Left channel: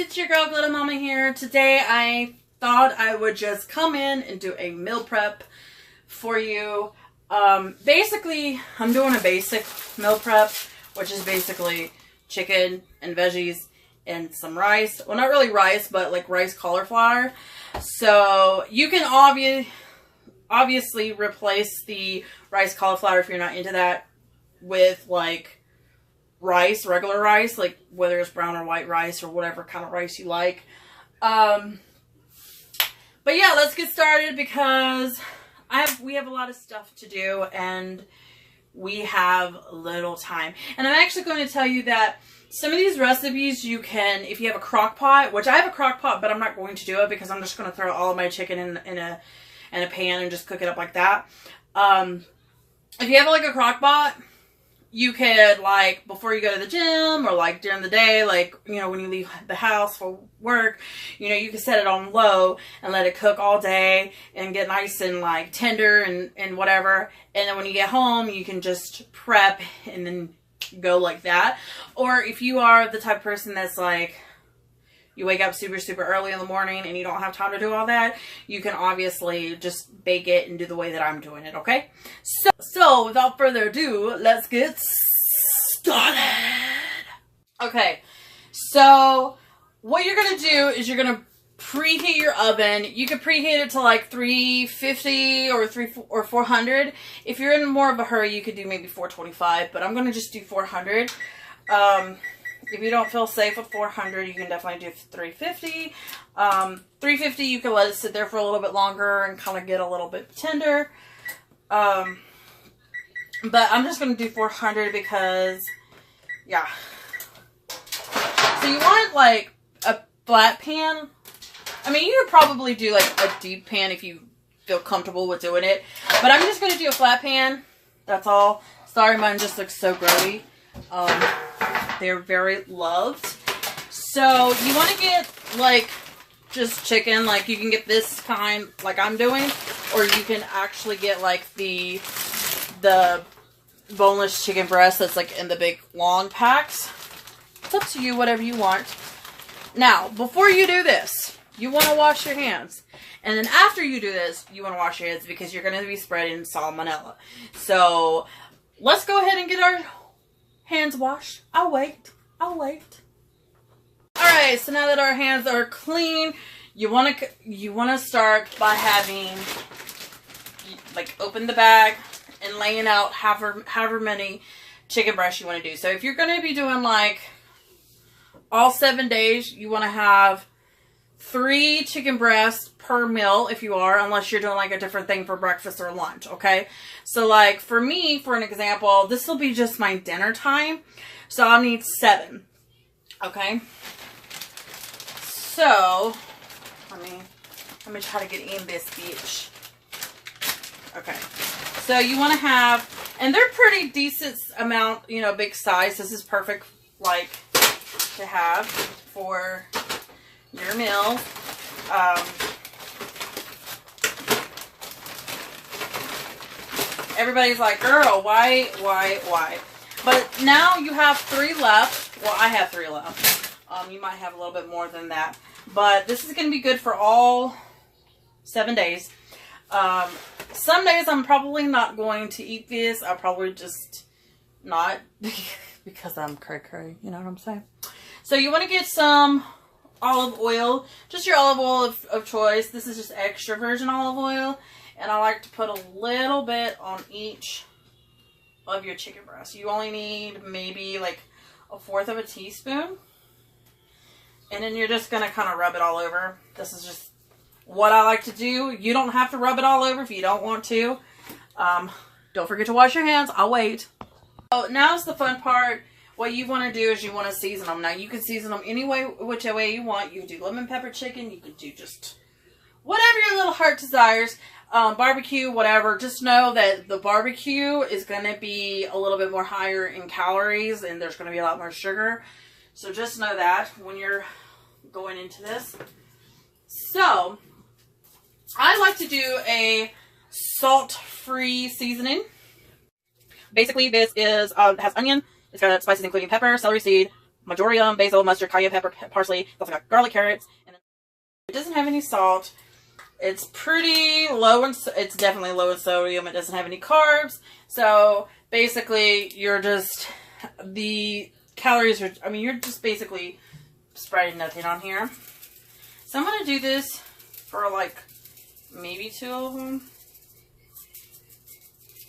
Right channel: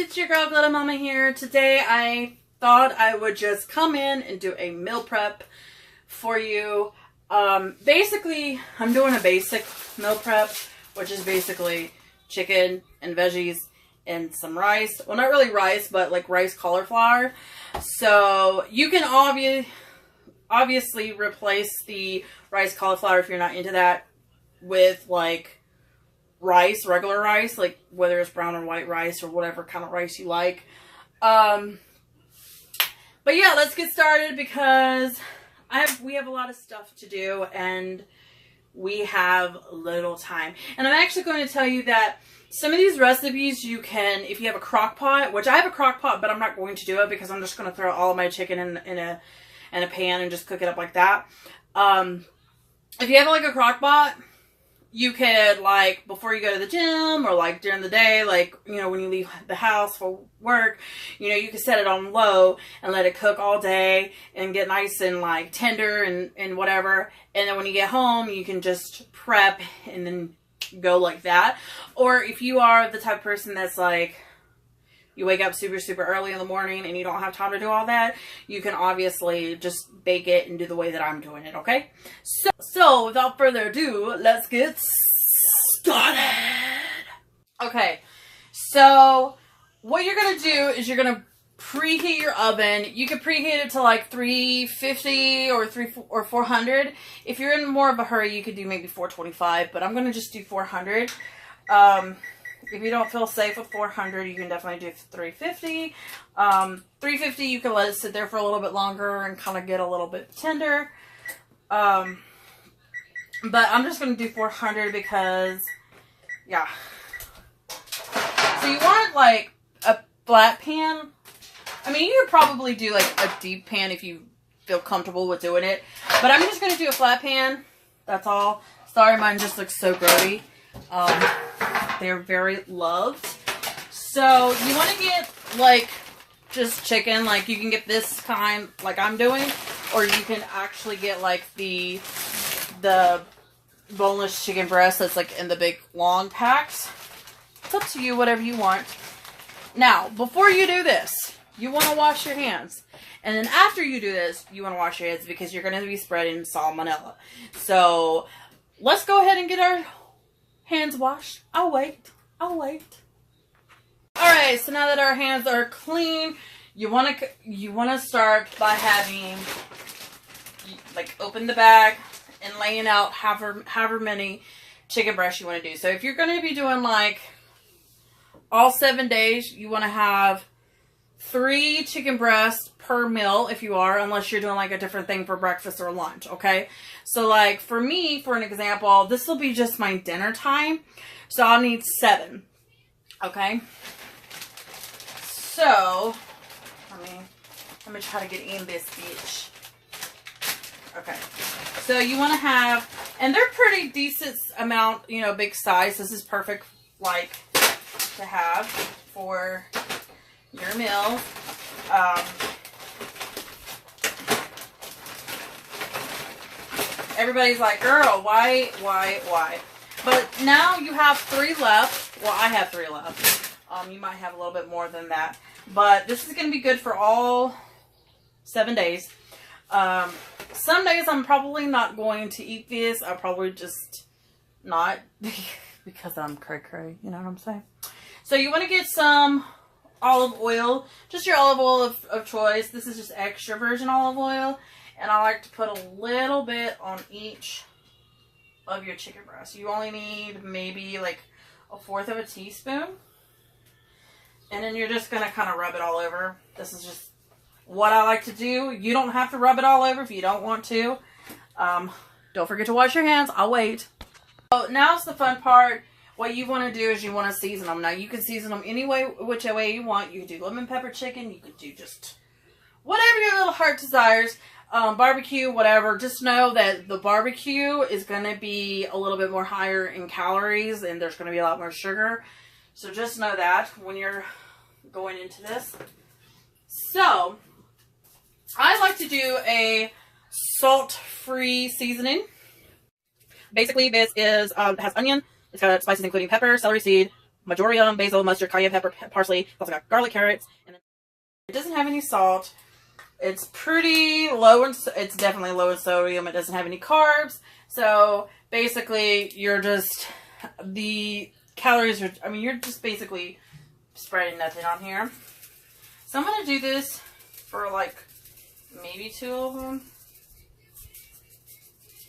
it's your girl Glitta Mamma here. Today I thought I would just come in and do a meal prep for you. Basically, I'm doing a basic meal prep, which is basically chicken and veggies and some rice. Well, not really rice, but like rice cauliflower. So you can obviously replace the rice cauliflower if you're not into that with like rice, regular rice, like whether it's brown or white rice or whatever kind of rice you like. But yeah, let's get started because we have a lot of stuff to do and we have little time. And I'm actually going to tell you that some of these recipes you can, if you have a crock pot, which I have a crock pot, but I'm not going to do it because I'm just going to throw all of my chicken in a pan and just cook it up like that. If you have like a crock pot, you could, like, before you go to the gym or like during the day, like, you know, when you leave the house for work, you know, you can set it on low and let it cook all day and get nice and like tender and whatever. And then when you get home, you can just prep and then go like that. Or if you are the type of person that's like, you wake up super early in the morning and you don't have time to do all that, you can obviously just bake it and do the way that I'm doing it, okay? So without further ado, let's get started. Okay, so what you're gonna do is you're gonna preheat your oven. You can preheat it to like 350 or 400. If you're in more of a hurry, you could do maybe 425, but I'm gonna just do 400. If you don't feel safe with 400, you can definitely do 350. 350, you can let it sit there for a little bit longer and kind of get a little bit tender. But I'm just going to do 400 because, yeah. So you want like a flat pan. I mean, you could probably do like a deep pan if you feel comfortable with doing it. But I'm just going to do a flat pan. That's all. Sorry, mine just looks so dirty. They're very loved. So you want to get like just chicken, like you can get this kind like I'm doing, or you can actually get like the boneless chicken breast that's like in the big long packs. It's up to you, whatever you want. Now, before you do this, you want to wash your hands. And then after you do this, you want to wash your hands because you're going to be spreading salmonella. So let's go ahead and get our hands washed. I'll wait. Alright, so now that our hands are clean, you want to start by having, like, open the bag and laying out however many chicken breasts you want to do. So if you're going to be doing like all 7 days, you want to have 3 chicken breasts per meal if you are, unless you're doing like a different thing for breakfast or lunch, okay? So like for me, for an example, this will be just my dinner time. So I'll need 7, okay? So, let me try to get in this bitch. Okay, so you want to have, and they're pretty decent amount, you know, big size. This is perfect, like, to have for your meal. Everybody's like, girl, why? But now you have 3 left. Well, I have 3 left. You might have a little bit more than that. But this is going to be good for all 7 days. Some days I'm probably not going to eat this. I'll probably just not because I'm cray-cray. You know what I'm saying? So you want to get some olive oil. Just your olive oil of choice. This is just extra virgin olive oil. And I like to put a little bit on each of your chicken breasts. You only need maybe like 1/4 of a teaspoon. And then you're just going to kind of rub it all over. This is just what I like to do. You don't have to rub it all over if you don't want to. Don't forget to wash your hands. I'll wait. So now's the fun part. What you want to do is you want to season them. Now you can season them any way, which way you want. You can do lemon pepper chicken. You can do just whatever your little heart desires. Barbecue, whatever. Just know that the barbecue is going to be a little bit more higher in calories and there's going to be a lot more sugar. So just know that when you're going into this. So, I like to do a salt-free seasoning. Basically, this is has onion, it's got spices including pepper, celery seed, marjoram, basil, mustard, cayenne pepper, parsley. It's also got garlic, carrots. And then it doesn't have any salt. It's pretty low in, it's definitely low in sodium. It doesn't have any carbs. So basically you're just, the calories are, I mean, you're just basically spreading nothing on here. So I'm going to do this for like maybe 2 of them.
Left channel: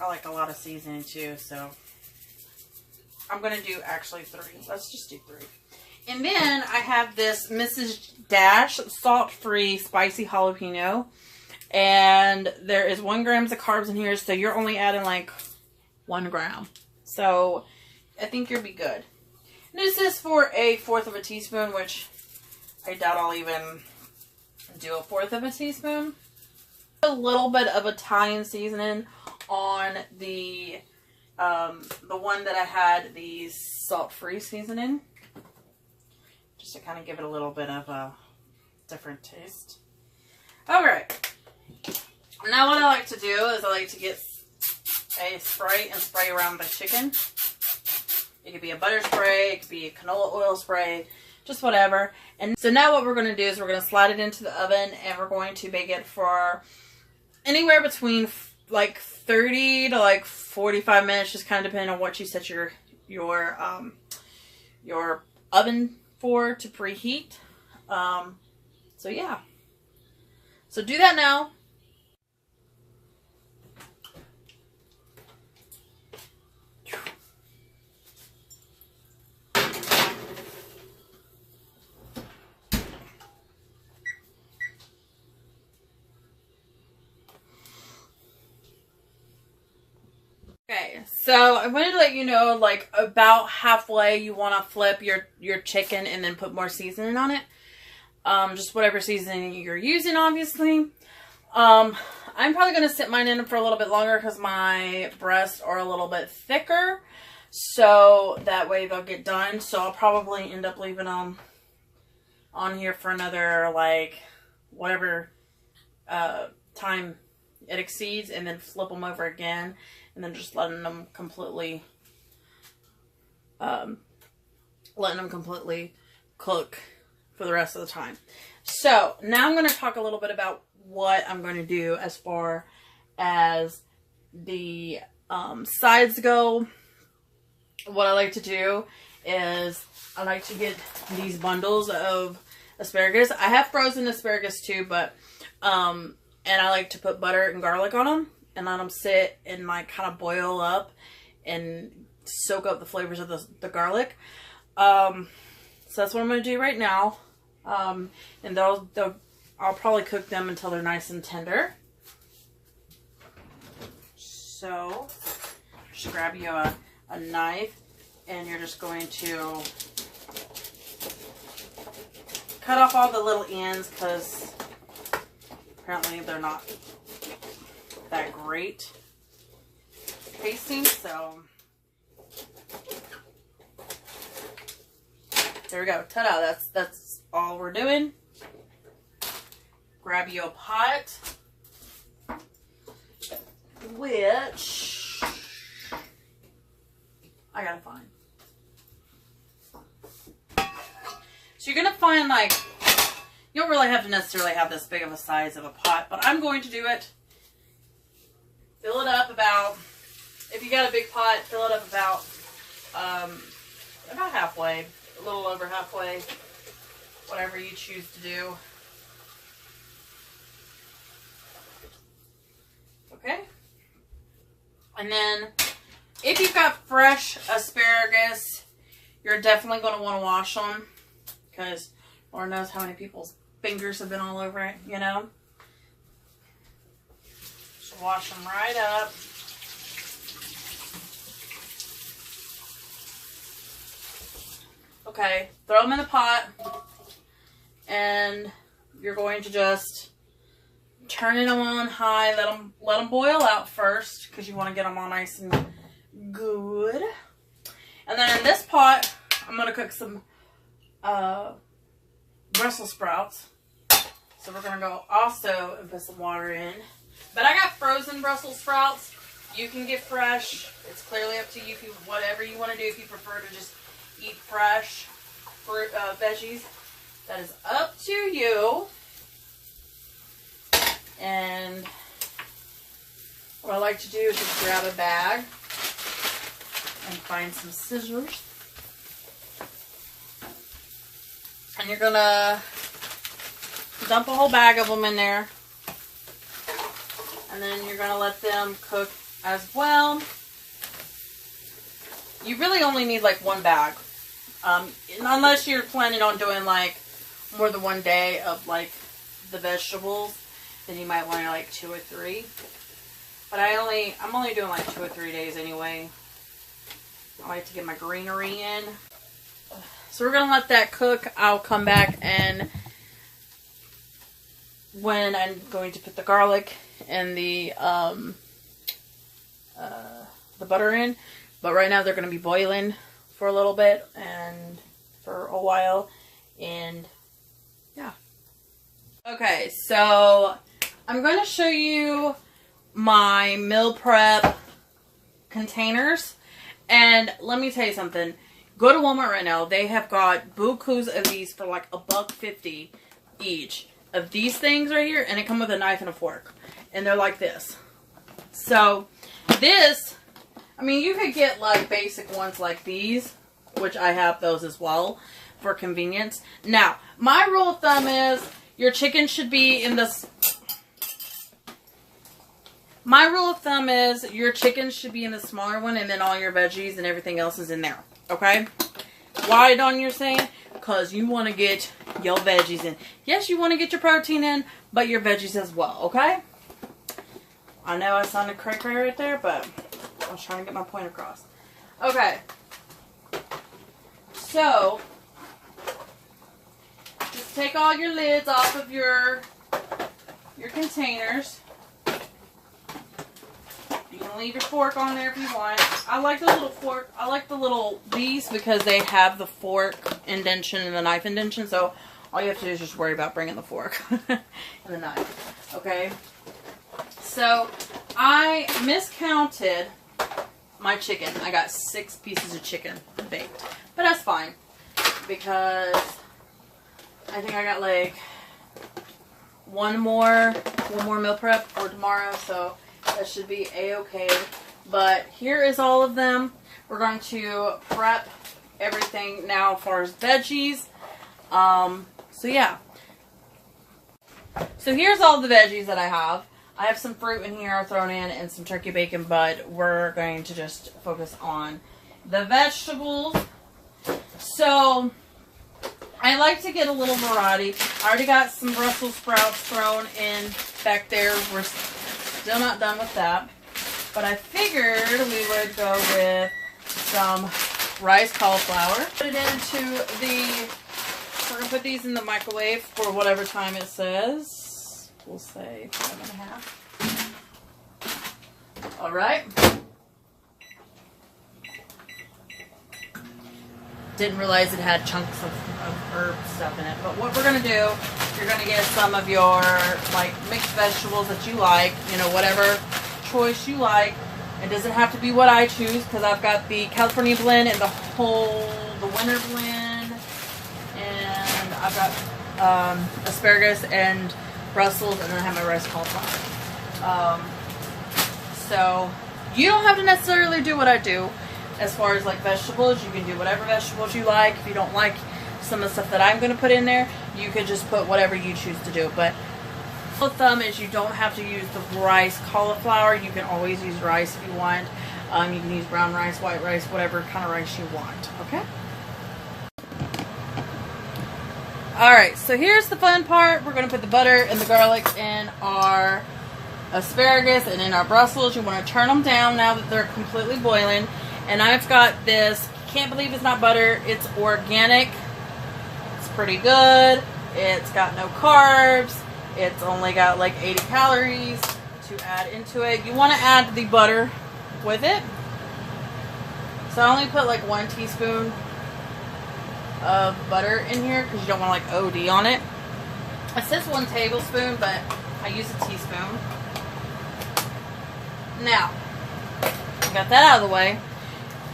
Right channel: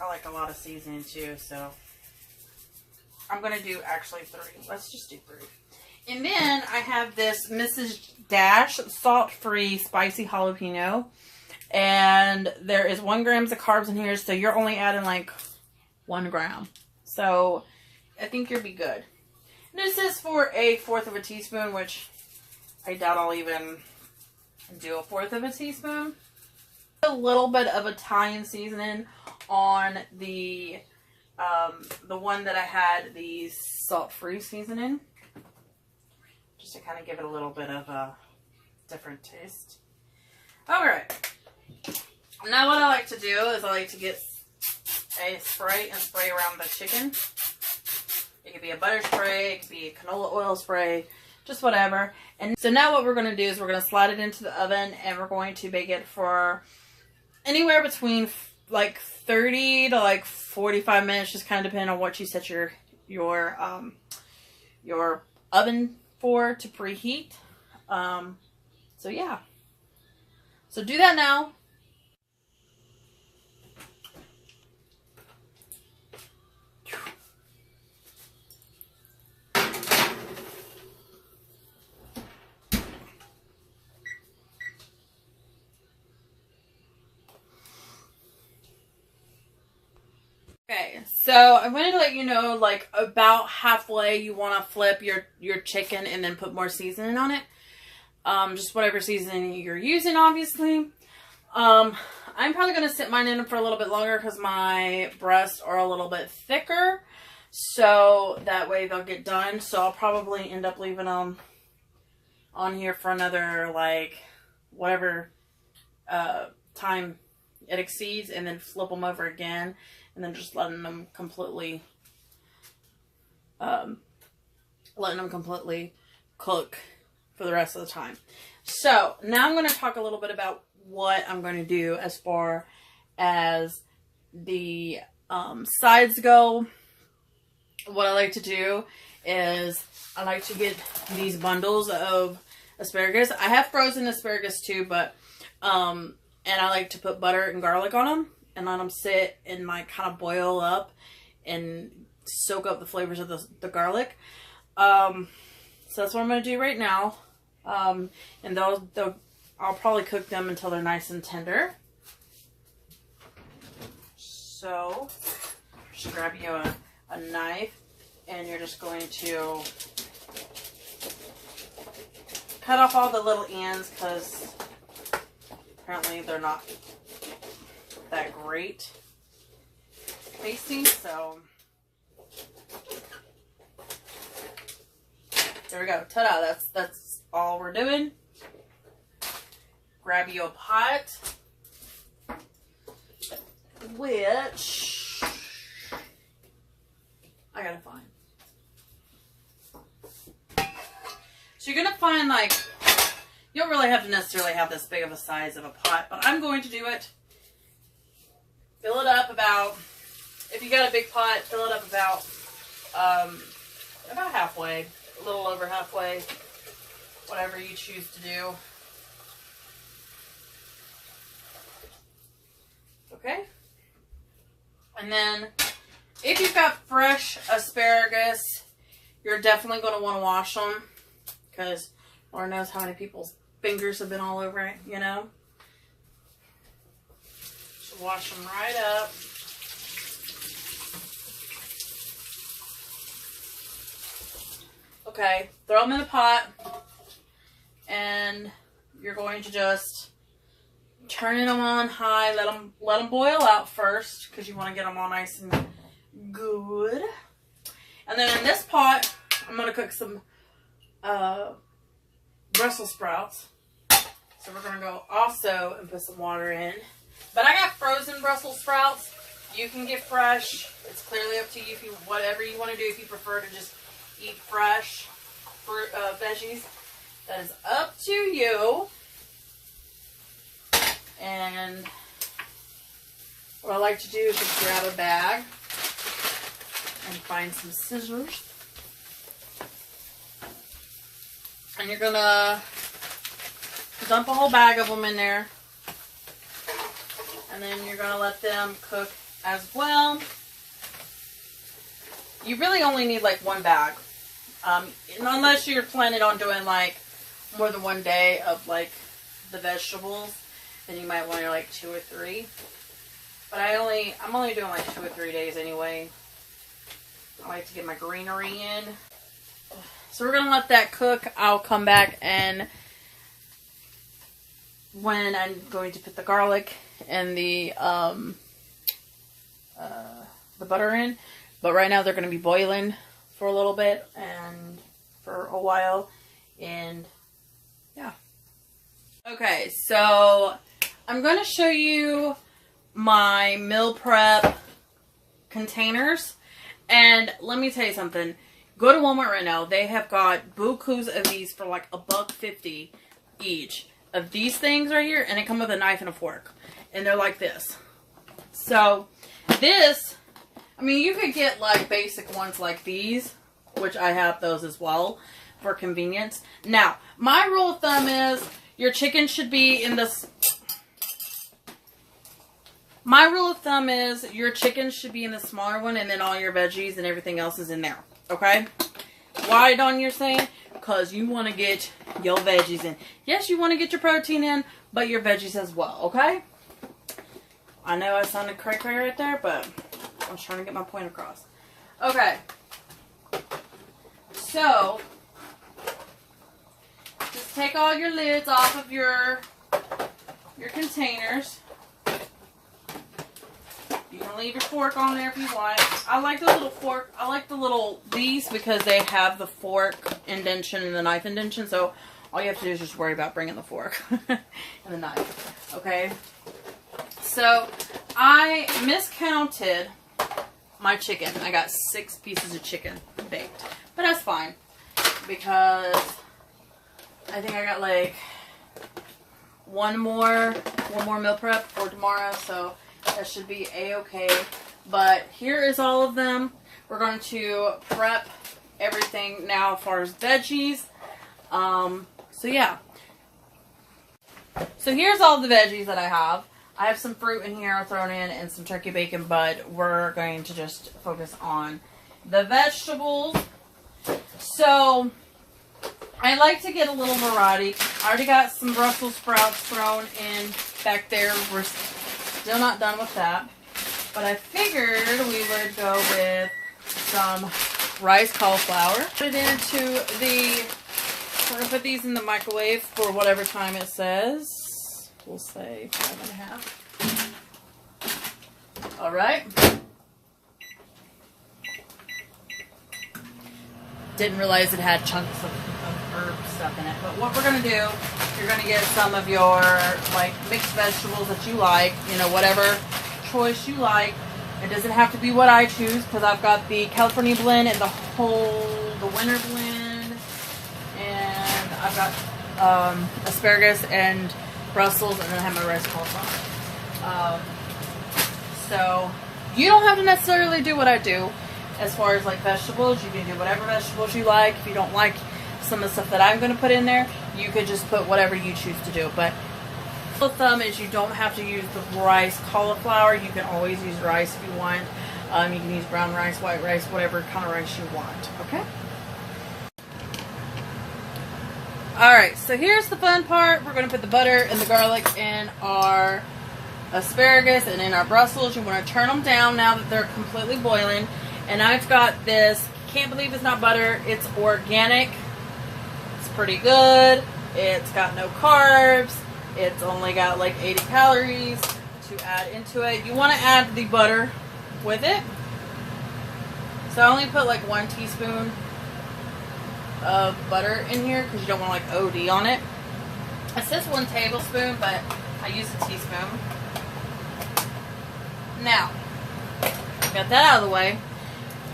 I like a lot of seasoning too, so I'm going to do actually 3. Let's just do 3. And then I have this Mrs. Dash salt-free spicy jalapeno. And there is 1 gram of carbs in here, so you're only adding like 1 gram. So I think you'll be good. And this is for a 1/4 of a teaspoon, which I doubt I'll even do a 1/4 of a teaspoon. A little bit of Italian seasoning on the one that I had the salt-free seasoning, just to kind of give it a little bit of a different taste. Alright, now what I like to do is I like to get a spray and spray around the chicken. It could be a butter spray, it could be a canola oil spray, just whatever. And so now what we're going to do is we're going to slide it into the oven and we're going to bake it for anywhere between like 30 to like 45 minutes, just kind of depending on what you set your oven for to preheat. So yeah. So do that now. Okay, so I wanted to let you know, like, about halfway you want to flip your chicken and then put more seasoning on it. Just whatever seasoning you're using, obviously. I'm probably going to sit mine in for a little bit longer because my breasts are a little bit thicker. So that way they'll get done. So I'll probably end up leaving them on here for another, like, whatever time it exceeds, and then flip them over again. And then just letting them completely cook for the rest of the time. So now I'm going to talk a little bit about what I'm going to do as far as the sides go. What I like to do is I like to get these bundles of asparagus. I have frozen asparagus too, but and I like to put butter and garlic on them and let them sit and like kind of boil up and soak up the flavors of the garlic. So that's what I'm going to do right now. And I'll probably cook them until they're nice and tender. So just grab you a knife and you're just going to cut off all the little ends because apparently they're not that great tasting. So there we go. Ta-da! That's all we're doing. Grab you a pot, which I gotta find. So you're gonna find, like, you don't really have to necessarily have this big of a size of a pot, but I'm going to do it. Fill it up about, if you got a big pot, fill it up about halfway, a little over halfway, whatever you choose to do. Okay? And then, if you've got fresh asparagus, you're definitely going to want to wash them, because Lord knows how many people's fingers have been all over it, you know? Just wash them right up. Okay, throw them in the pot, and you're going to just turn them on high, let them boil out first, because you want to get them all nice and good. And then in this pot, I'm going to cook some Brussels sprouts. So we're going to go also and put some water in. But I got frozen Brussels sprouts. You can get fresh. It's clearly up to you, if you whatever you want to do, if you prefer to just eat fresh. fruit, veggies. That is up to you. And what I like to do is just grab a bag and find some scissors. And you're gonna dump a whole bag of them in there. And then you're gonna let them cook as well. You really only need like one bag. Unless you're planning on doing like more than one day of like the vegetables, then you might want like 2 or 3. But I'm only doing like 2 or 3 days anyway. I like to get my greenery in. So we're gonna let that cook. I'll come back and when I'm going to put the garlic and the butter in. But right now they're gonna be boiling for a little bit and for a while, and yeah. Okay, so I'm going to show you my meal prep containers, and let me tell you something. Go to Walmart right now. They have got bukus of these for like $1.50 each of these things right here, and they come with a knife and a fork, and they're like this. So this, I mean, you could get like basic ones like these, which I have those as well for convenience. Now, my rule of thumb is your chicken should be in this. My rule of thumb is your chicken should be in the smaller one, and then all your veggies and everything else is in there. Okay? Why, Dawn, you're saying? Because you want to get your veggies in. Yes, you want to get your protein in, but your veggies as well. Okay? I know I sounded cray-cray right there, but I was trying to get my point across. Okay. So, just take all your lids off of your containers. You can leave your fork on there if you want. I like the little fork. I like these because they have the fork indentation and the knife indentation. So, all you have to do is just worry about bringing the fork and the knife. Okay? So, I miscounted my chicken. I got 6 pieces of chicken baked. But that's fine. Because I think I got like one more meal prep for tomorrow. So that should be a-okay. But here is all of them. We're going to prep everything now as far as veggies. So yeah. So here's all the veggies that I have. I have some fruit in here thrown in and some turkey bacon, but we're going to just focus on the vegetables. So, I like to get a little variety. I already got some Brussels sprouts thrown in back there. We're still not done with that. But I figured we would go with some rice cauliflower. Put it into we're going to put these in the microwave for whatever time it says. We'll say 5.5. Alright. Didn't realize it had chunks of herb stuff in it. But what we're going to do, you're going to get some of your like mixed vegetables that you like. You know, whatever choice you like. It doesn't have to be what I choose because I've got the California blend and the winter blend. And I've got asparagus and Brussels, and then I have my rice cauliflower. So you don't have to necessarily do what I do. As far as like vegetables, you can do whatever vegetables you like. If you don't like some of the stuff that I'm going to put in there, you could just put whatever you choose to do. But rule of thumb is you don't have to use the rice cauliflower. You can always use rice if you want. You can use brown rice, white rice, whatever kind of rice you want. Okay? Alright, so here's the fun part. We're going to put the butter and the garlic in our asparagus and in our Brussels. You want to turn them down now that they're completely boiling. And I've got this, can't believe it's not butter, it's organic. It's pretty good. It's got no carbs. It's only got like 80 calories to add into it. You want to add the butter with it. So I only put like 1 teaspoon of butter in here because you don't want to like OD on it. It says 1 tablespoon, but I use a teaspoon. Now, got that out of the way.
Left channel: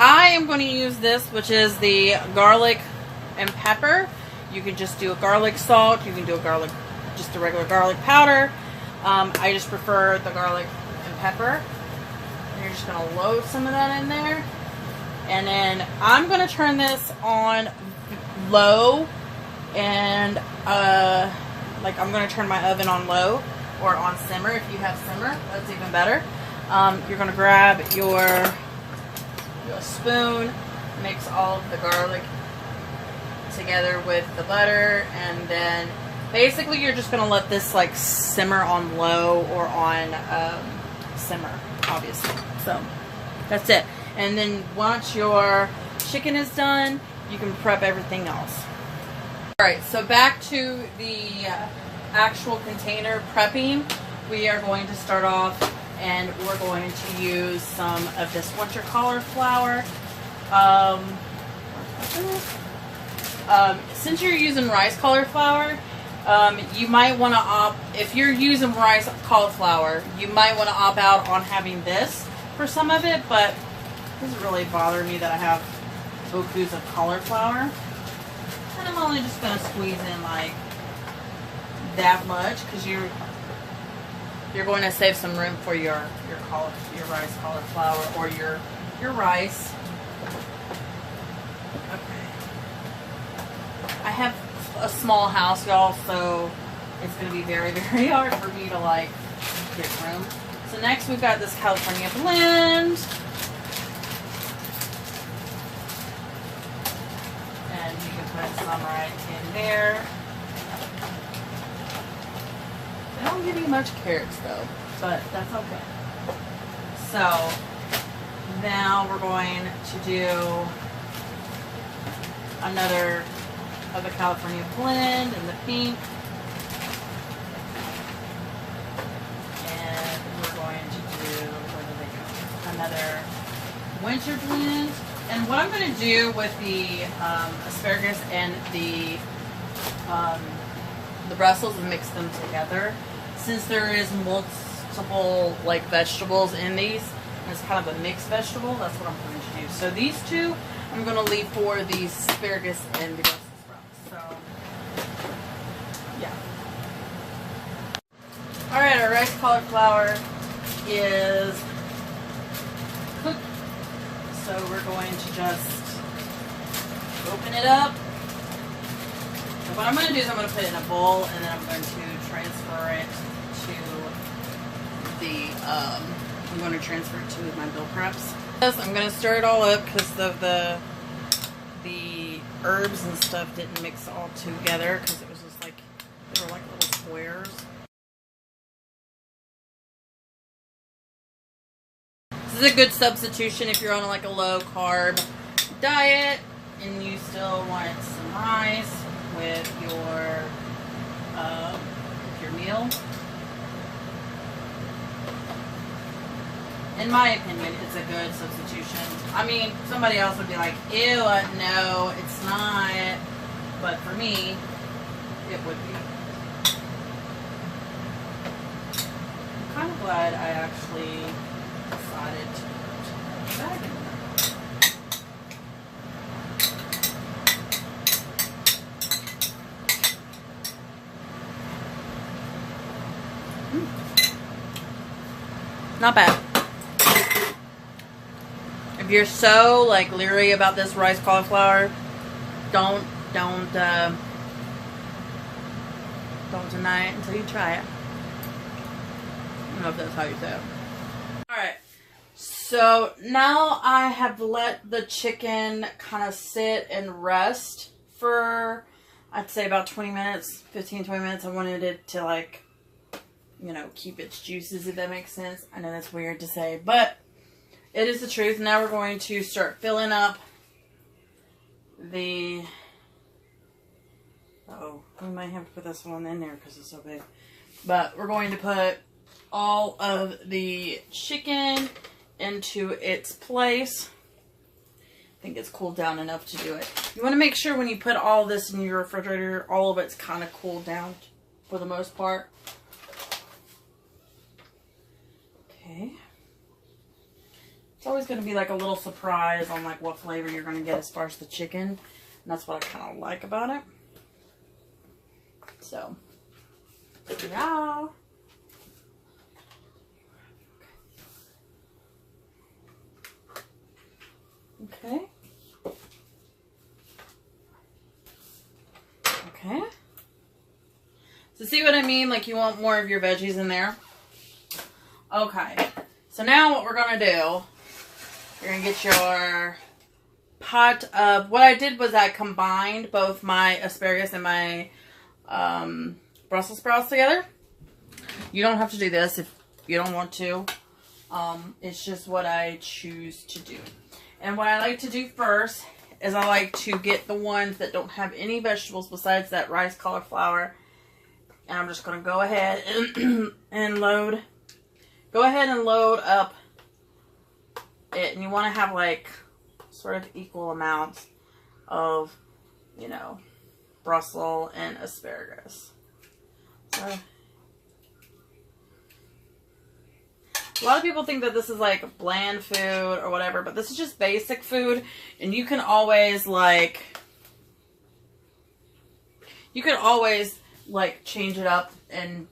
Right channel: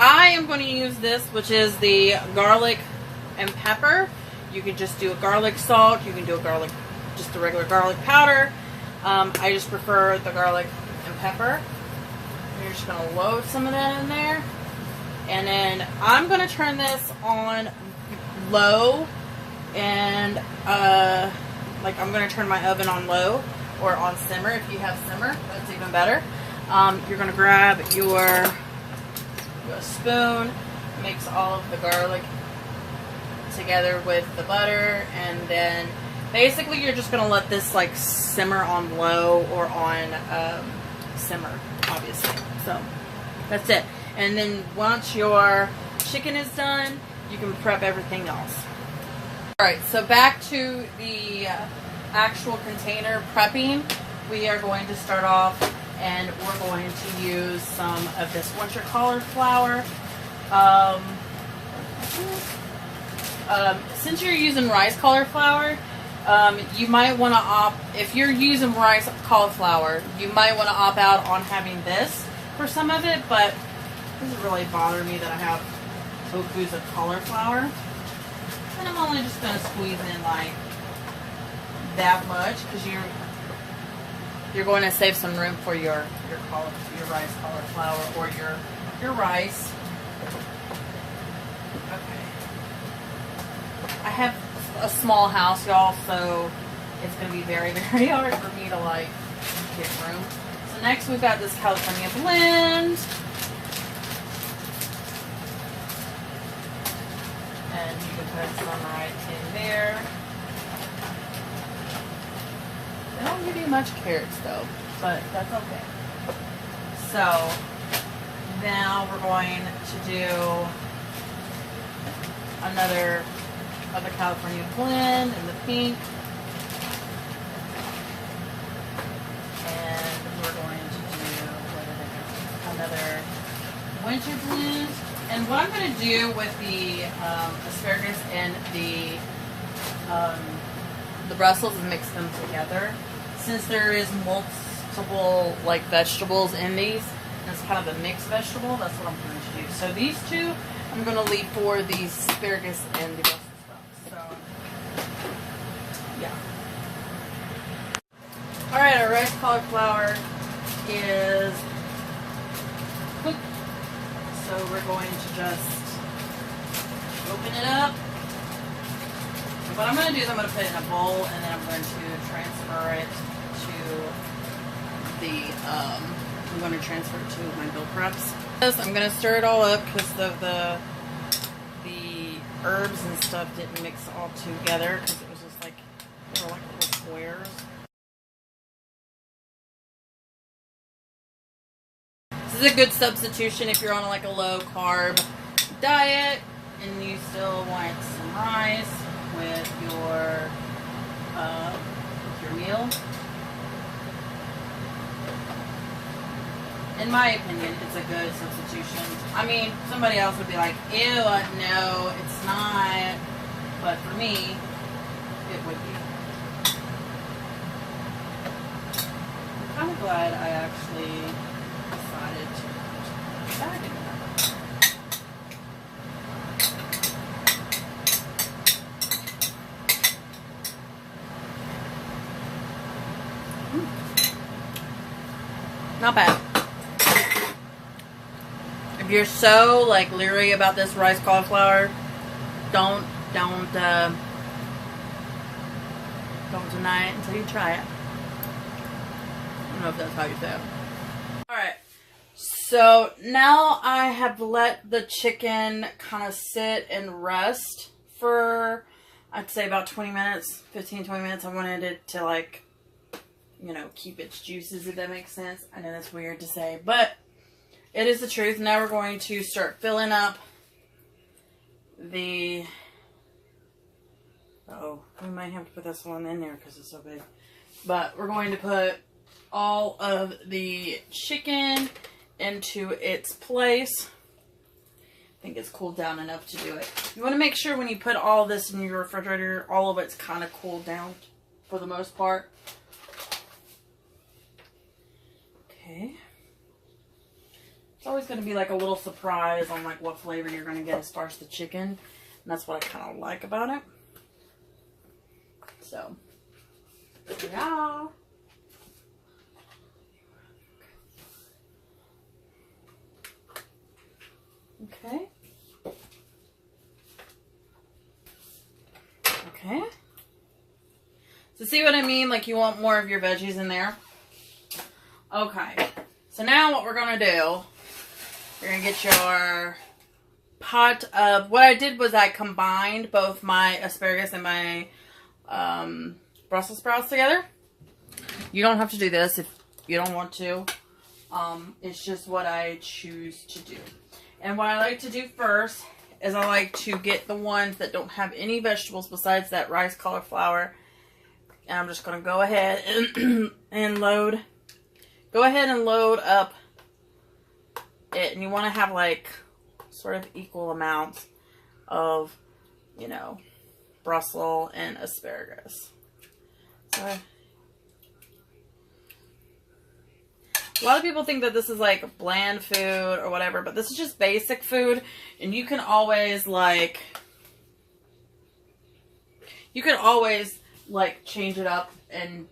I am going to use this, which is the garlic and pepper. You can just do a garlic salt. You can do a garlic, just a regular garlic powder. I just prefer the garlic and pepper. And you're just going to load some of that in there. And then I'm going to turn this on low. And like I'm going to turn my oven on low or on simmer. If you have simmer, that's even better. You're going to grab your spoon, mix all of the garlic together with the butter, and then basically you're just going to let this like simmer on low or on simmer, obviously. So that's it. And then once your chicken is done, you can prep everything else. Alright, so back to the actual container prepping. We are going to start off, and we're going to use some of this winter cauliflower. Since you're using rice cauliflower, you might want to opt, if you're using rice cauliflower, you might want to opt out on having this for some of it, but it doesn't really bother me that I have bokus of cauliflower. And I'm only just going to squeeze in like that much, because you're going to save some room for your rice cauliflower or your rice. I have a small house, y'all, so it's going to be very, very hard for me to like get room. So next we've got this California blend. And you can put some right in there. They don't give you much carrots though, but that's okay. So now we're going to do another of the California blend in the pink. And we're going to do, where did they go? Another winter blend. And what I'm going to do with the asparagus and the Brussels is mix them together. Since there is multiple like vegetables in these, and it's kind of a mixed vegetable, that's what I'm going to do. So these two I'm going to leave for the asparagus and the Brussels sprouts. So yeah. Alright, our rice cauliflower is cooked. So we're going to just open it up. And what I'm going to do is I'm going to put it in a bowl, and then I'm going to transfer it to the, I'm going to transfer it to my meal preps. I'm going to stir it all up because the herbs and stuff didn't mix all together, because it was just like, they were like little squares. This is a good substitution if you're on like a low carb diet and you still want some rice with your meal. In my opinion, it's a good substitution. I mean, somebody else would be like, ew, no, it's not. But for me, it would be. I'm kind of glad I actually decided to put the bag in there. Not bad. If you're so like leery about this rice cauliflower, don't deny it until you try it. I don't know if that's how you say it. Alright, so now I have let the chicken kind of sit and rest for, I'd say about 20 minutes, 15-20 minutes. I wanted it to like, you know, keep its juices, if that makes sense. I know that's weird to say, but it is the truth. Now we're going to start filling up the, oh, we might have to put this one in there because it's so big. But we're going to put all of the chicken into its place. I think it's cooled down enough to do it. You want to make sure when you put all this in your refrigerator, all of it's kind of cooled down for the most part. Okay. It's always going to be like a little surprise on like what flavor you're going to get as far as the chicken. that's what I kind of like about it. So, yeah. Okay. Okay. So see what I mean? Like you want more of your veggies in there. Okay. So now what we're going to do, you're going to get your pot of, what I did was I combined both my asparagus and my Brussels sprouts together. You don't have to do this if you don't want to. It's just what I choose to do. And what I like to do first is I like to get the ones that don't have any vegetables besides that rice cauliflower. And I'm just going to go ahead and load. Go ahead and load up it. And you want to have like sort of equal amounts of, you know, Brussels and asparagus. So, a lot of people think that this is like bland food or whatever, but this is just basic food. And you can always like change it up and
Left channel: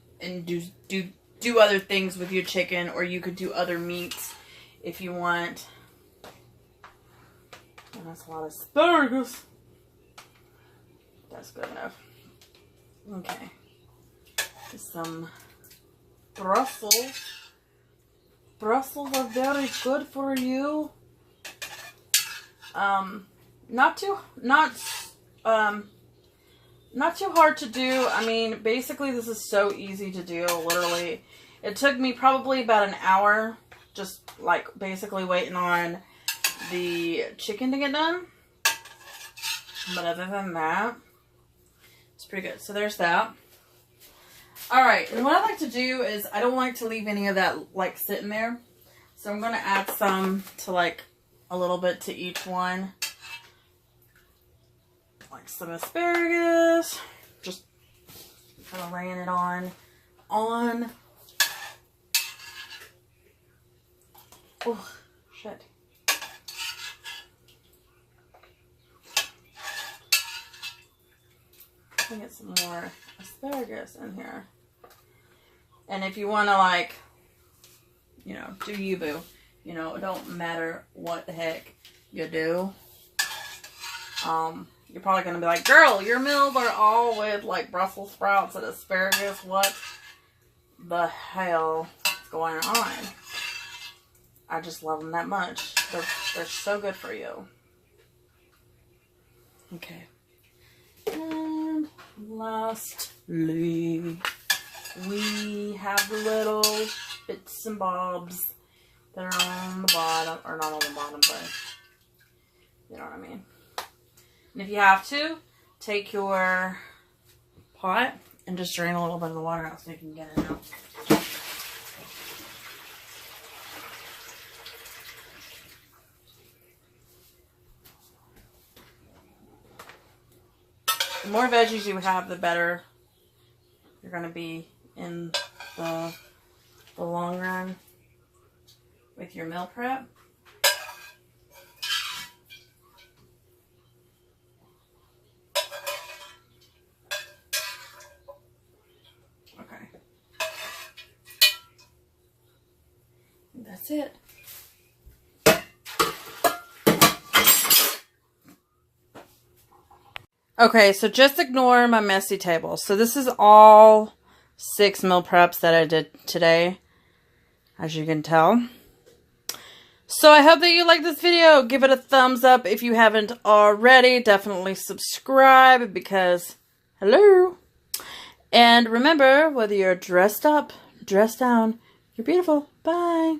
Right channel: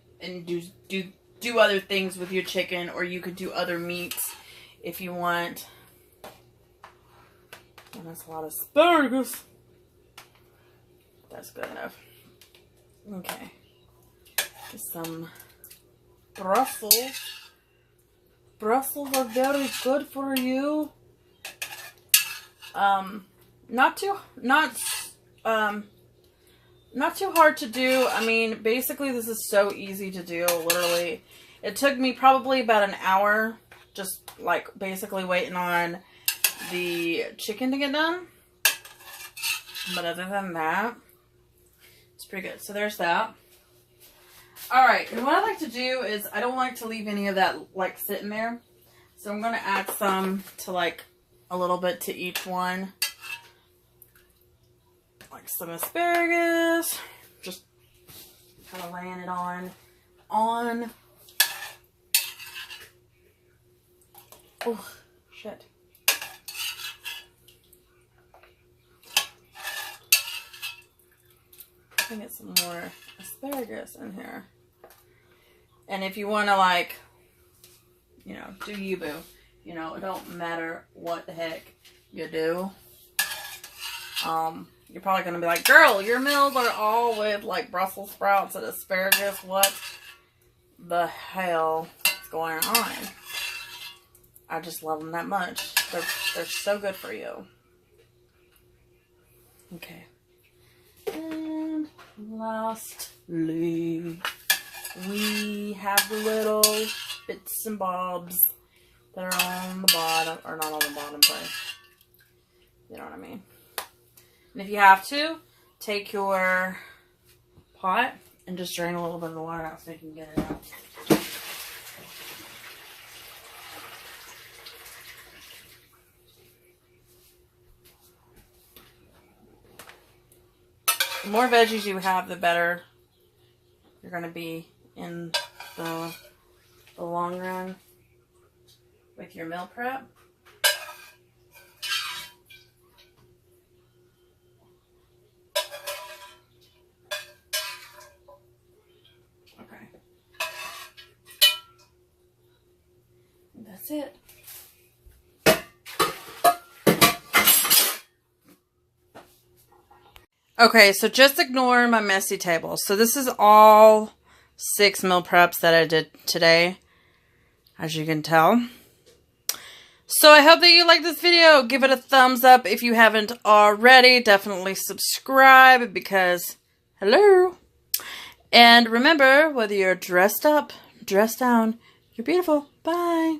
do other things with your chicken, or you could do other meats if you want. And that's a lot of asparagus. That's good enough. Okay. Some Brussels. Brussels are very good for you. Not too hard to do. I mean, basically this is so easy to do, literally. It took me probably about an hour, just like basically waiting on the chicken to get done. But other than that, it's pretty good. So there's that. Alright, and what I like to do is I don't like to leave any of that like sitting there. So I'm going to add some to like a little bit to each one. Like some asparagus. Just kind of laying it on. Oh, shit. Let me get some more asparagus in here. And if you want to, like, you know, do you, boo. You know, it don't matter what the heck you do. You're probably going to be like, girl, your meals are all with, like, Brussels sprouts and asparagus. What the hell is going on? I just love them that much. They're so good for you. Okay. And lastly, we have the little bits and bobs that are on the bottom, or not on the bottom, but you know what I mean. And if you have to, take your pot and just drain a little bit of the water out so you can get it out. The more veggies you have, the better you're going to be in the long run with your meal prep. Okay. That's it. Okay, so just ignore my messy table. So this is all 6 meal preps that I did today, as you can tell. So I hope that you like this video. Give it a thumbs up if you haven't already. Definitely subscribe because, hello. And remember, whether you're dressed up, dressed down, you're beautiful. Bye.